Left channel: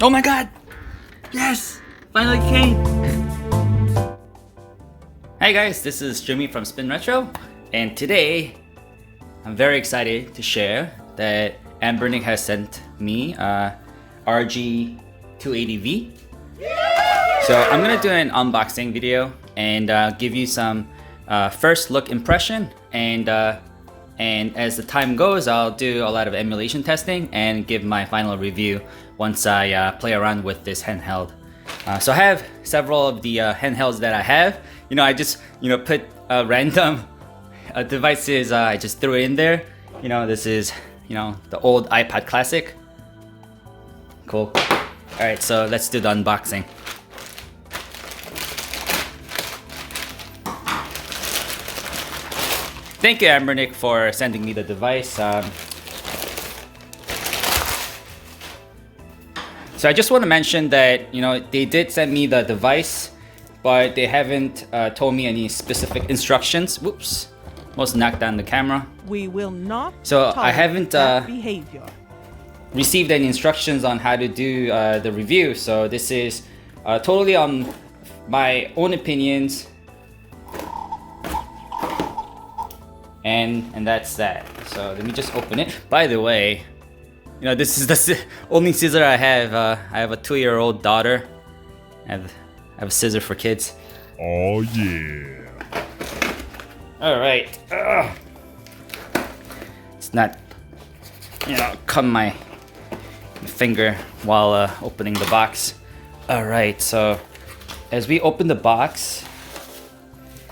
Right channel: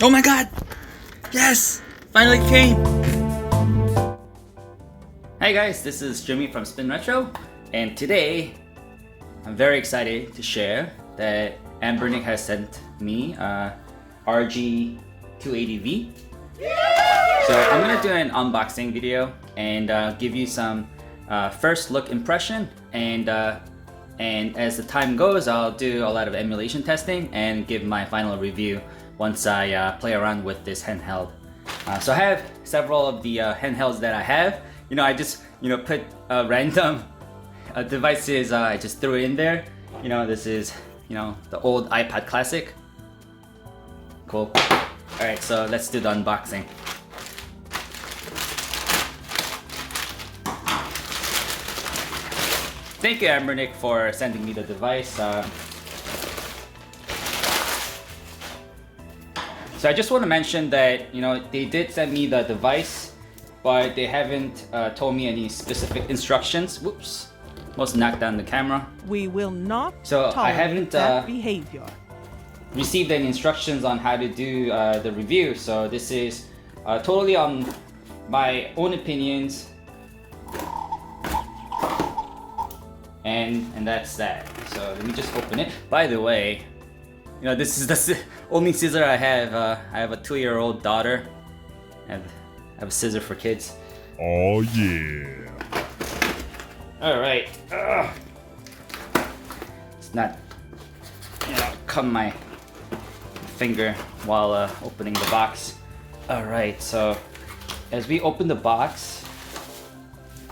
Oh my god! Yes! Finally came! Hi guys, this is Jimmy from Spin Retro, and today I'm very excited to share that Anbernic has sent me RG280V. So I'm gonna do an unboxing video and give you some first look impression, and as the time goes, I'll do a lot of emulation testing and give my final review once I play around with this handheld. So I have several of the handhelds that I have. I just put random devices. I just threw it in there. This is the old iPod Classic. Cool. All right, so let's do the unboxing. Thank you, Anbernic, for sending me the device. So I just want to mention that they did send me the device, but they haven't told me any specific instructions. Whoops, almost knocked down the camera. We will not I haven't that behavior. Received any instructions on how to do the review. So this is totally on my own opinions. And that's that. So let me just open it. By the way, this is the only scissor I have. I have a 2-year-old daughter. I have a scissor for kids. Oh yeah. All right. It's not, cut my finger while opening the box. All right. So as we open the box,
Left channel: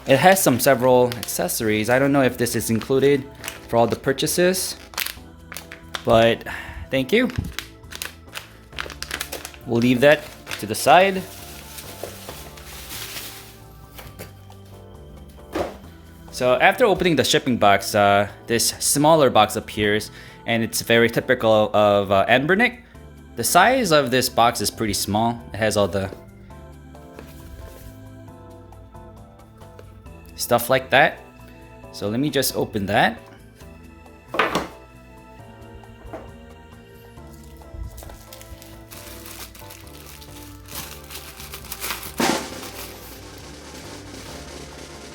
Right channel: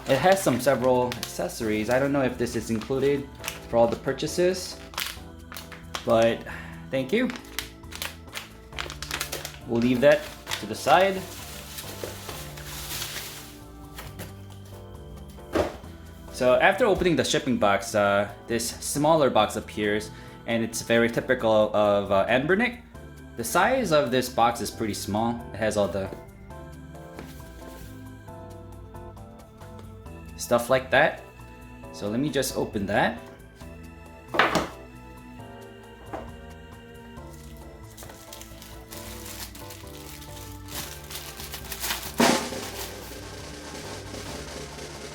it has several accessories. I don't know if this is included for all the purchases, but thank you. We'll leave that to the side. So after opening the shipping box, this smaller box appears, and it's very typical of Anbernic. The size of this box is pretty small. It has all the stuff like that. So let me just open that.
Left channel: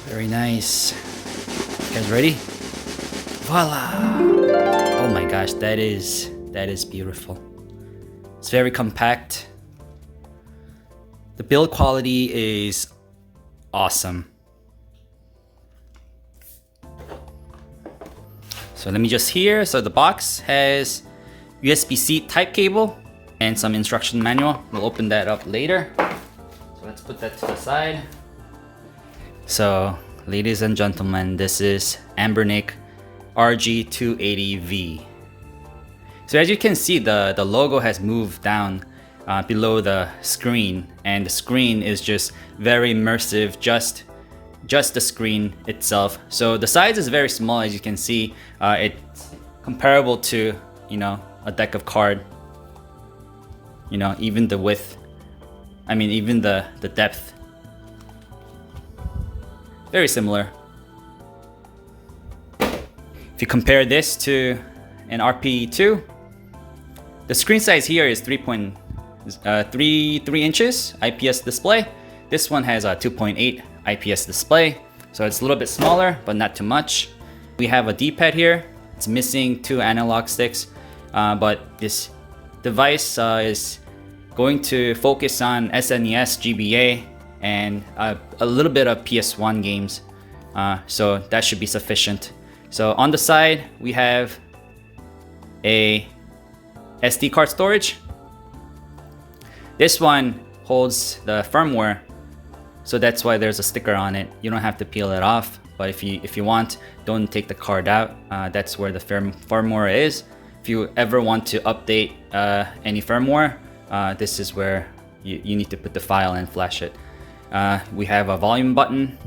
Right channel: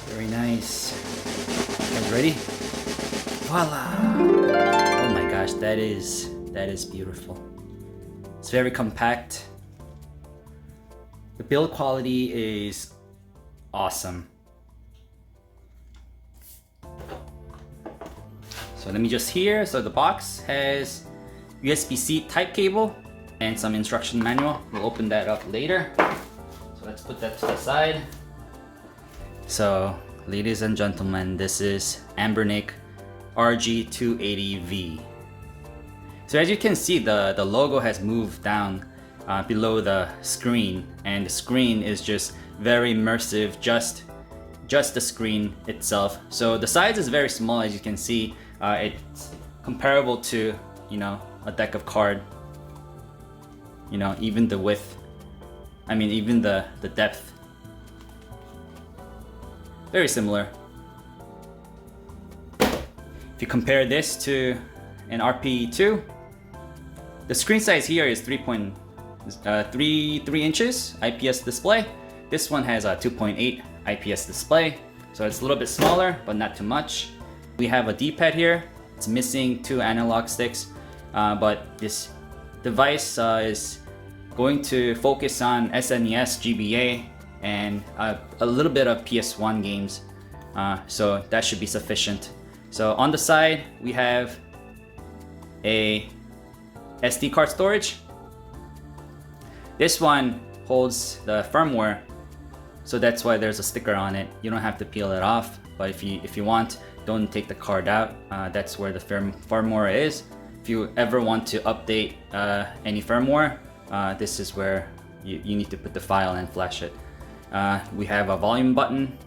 Very nice. You guys ready? Voila! Oh my gosh, that is beautiful. It's very compact. The build quality is awesome. So let me just here. So the box has USB-C type cable and some instruction manual. We'll open that up later. So let's put that to the side. So ladies and gentlemen, this is Anbernic RG280V. So as you can see, the logo has moved down below the screen, and the screen is just very immersive, just the screen itself. So the size is very small, as you can see. It's comparable to a deck of card. Even the width, even the depth, very similar. If you compare this to an RP2, the screen size here is 3.3 inches IPS display. This one has a 2.8 IPS display, so it's a little bit smaller, but not too much. We have a D-pad here. It's missing 2 analog sticks, but this device is going to focus on SNES, GBA, and a little bit of PS1 games, so that should be sufficient. So on the side, we have a SD card storage. This one holds the firmware, so that's why there's a sticker on it. You don't have to peel it off, but if you want, don't take the card out. That's where the firmware is. If you ever want to update any firmware, this is where you need to put the file and flash it. We have a volume button.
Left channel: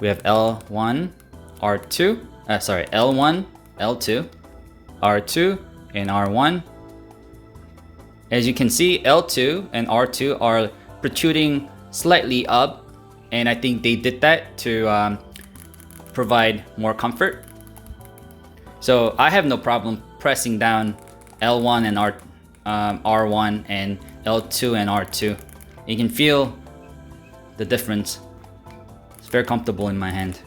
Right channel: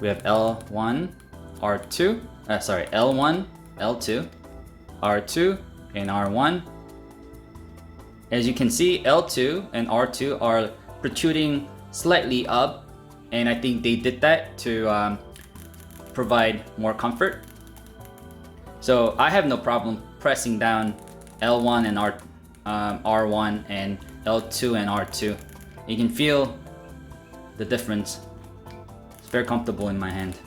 We have L1, R2, L1, L2, R2, and R1. As you can see, L2 and R2 are protruding slightly up, and I think they did that to provide more comfort. So I have no problem pressing down L1 and R1 and L2 and R2. You can feel the difference. It's very comfortable in my hand.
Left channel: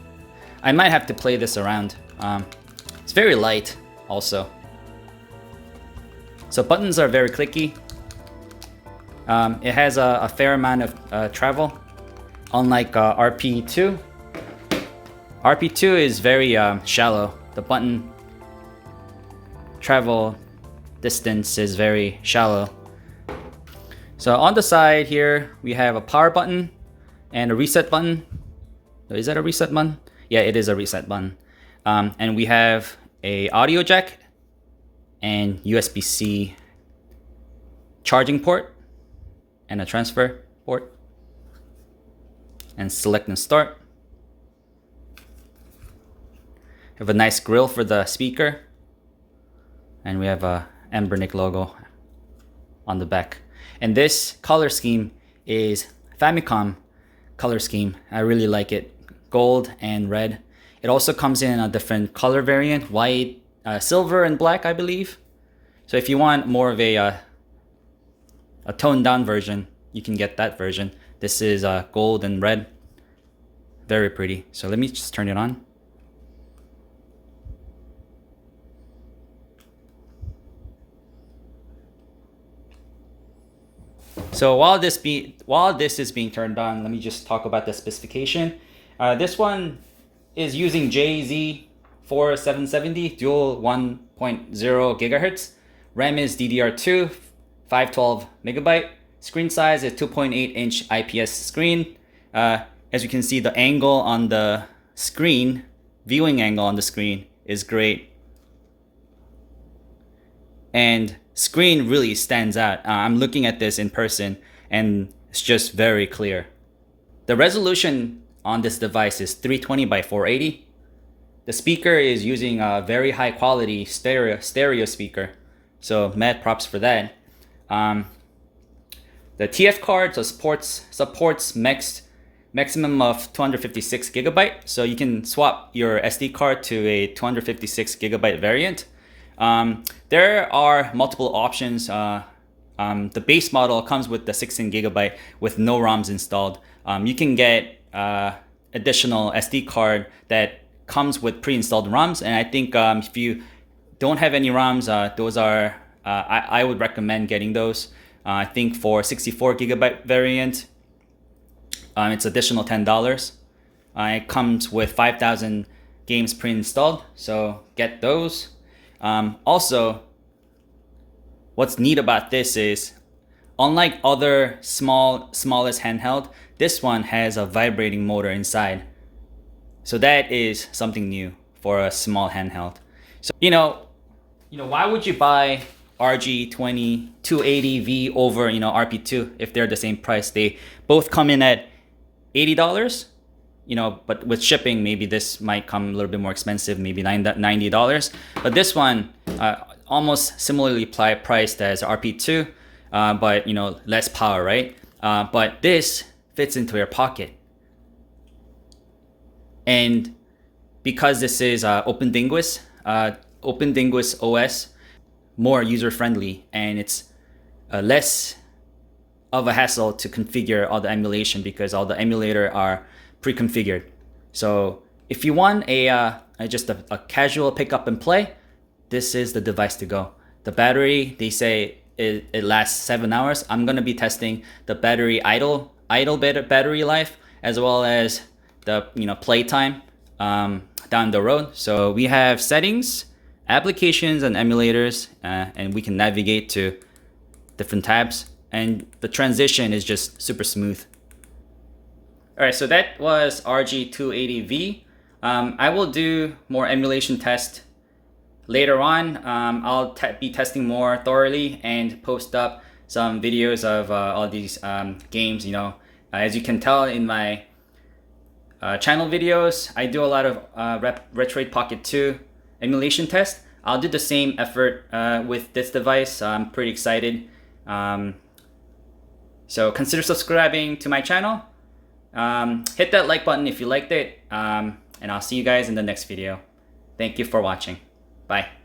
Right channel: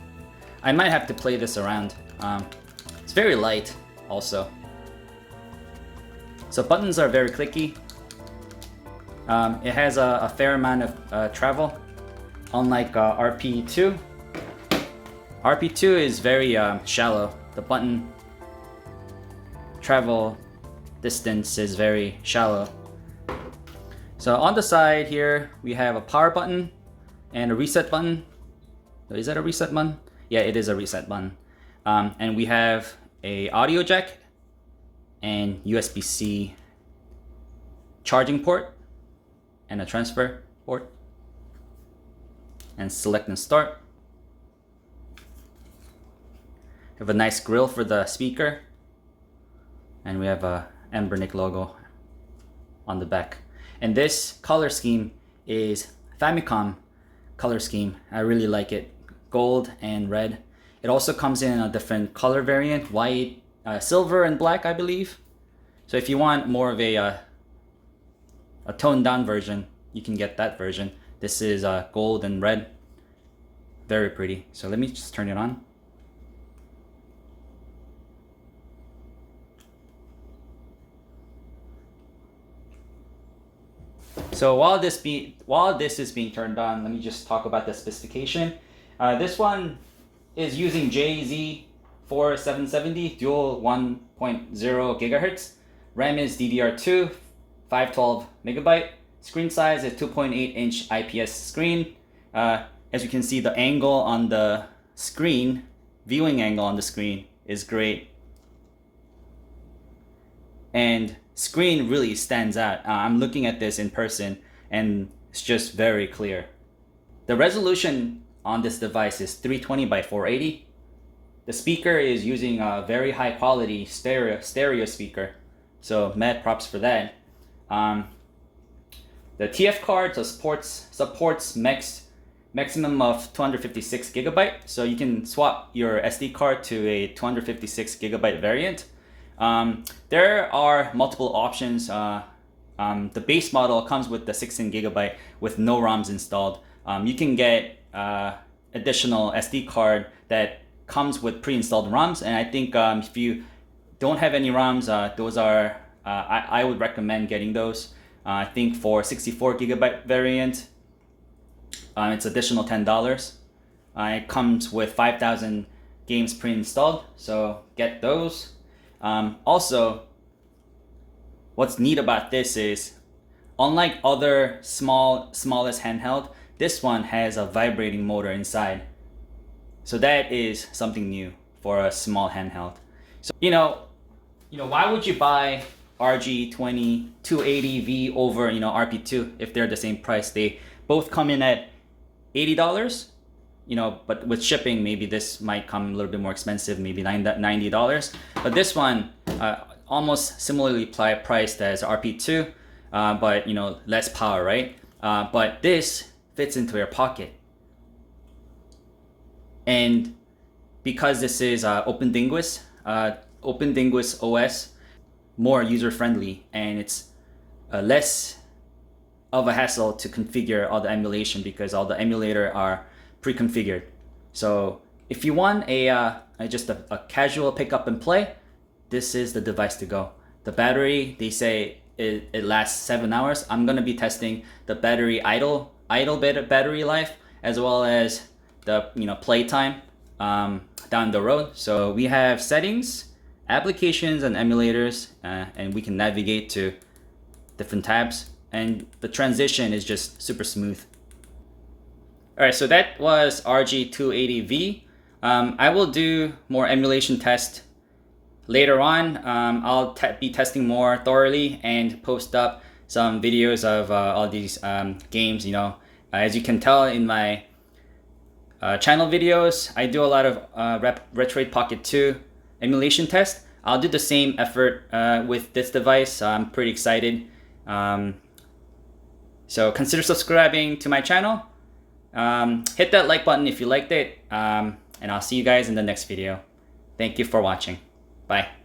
I might have to play this around. It's very light also. So buttons are very clicky. It has a fair amount of travel, unlike RP2. RP2 is very shallow. The button travel distance is very shallow. So on the side here, we have a power button and a reset button. Is that a reset button? Yeah, it is a reset button. And we have a audio jack and USB-C charging port and a transfer port. And select and start. We have a nice grill for the speaker. And we have a Anbernic logo on the back. And this color scheme is Famicom color scheme. I really like it. Gold and red. It also comes in a different color variant, white, silver, and black, I believe. So if you want more of a toned down version, you can get that version. This is gold and red. Very pretty. So let me just turn it on. So while this is being turned on, let me just talk about the specification. This one is using JZ4770 dual 1.0 gigahertz. RAM is DDR2, 512 megabyte. Screen size is 2.8 inch IPS screen. As you can see, the angle on the screen, viewing angle on the screen is great. And screen really stands out. I'm looking at this in person and it's just very clear. The resolution on this device is 320 by 480. The speaker is using a very high quality stereo speaker. So mad props for that. The TF card supports maximum of 256 gigabyte. So you can swap your SD card to a 256 gigabyte variant. There are multiple options. The base model comes with the 16 gigabyte with no ROMs installed. You can get additional SD card that comes with pre-installed ROMs, and I think if you don't have any ROMs, those are I would recommend getting those. I think for 64 gigabyte variant, it's additional $10. It comes with 5,000 games pre-installed, so get those. Also, what's neat about this is, unlike other smallest handheld, this one has a vibrating motor inside. So that is something new for a small handheld. So why would you buy RG280V over RP2 if they're the same price? They both come in at $80. But with shipping, maybe this might come a little bit more expensive, maybe $90. But this one, almost similarly priced as RP2, but less power, right? But this fits into your pocket. And because this is OpenDinguis OS, more user-friendly, and it's less of a hassle to configure all the emulation because all the emulator are pre-configured. So if you want just a casual pick up and play, this is the device to go. The battery, they say it lasts 7 hours. I'm gonna be testing the battery idle battery life, as well as the play time down the road. So we have settings, applications, and emulators, and we can navigate to different tabs, and the transition is just super smooth. All right, so that was RG280V. I will do more emulation tests later on. I'll be testing more thoroughly and post up some videos of all these games. As you can tell in my channel videos, I do a lot of Retroid Pocket 2 emulation tests. I'll do the same effort with this device. I'm pretty excited. So consider subscribing to my channel. Hit that like button if you liked it, and I'll see you guys in the next video. Thank you for watching. Bye.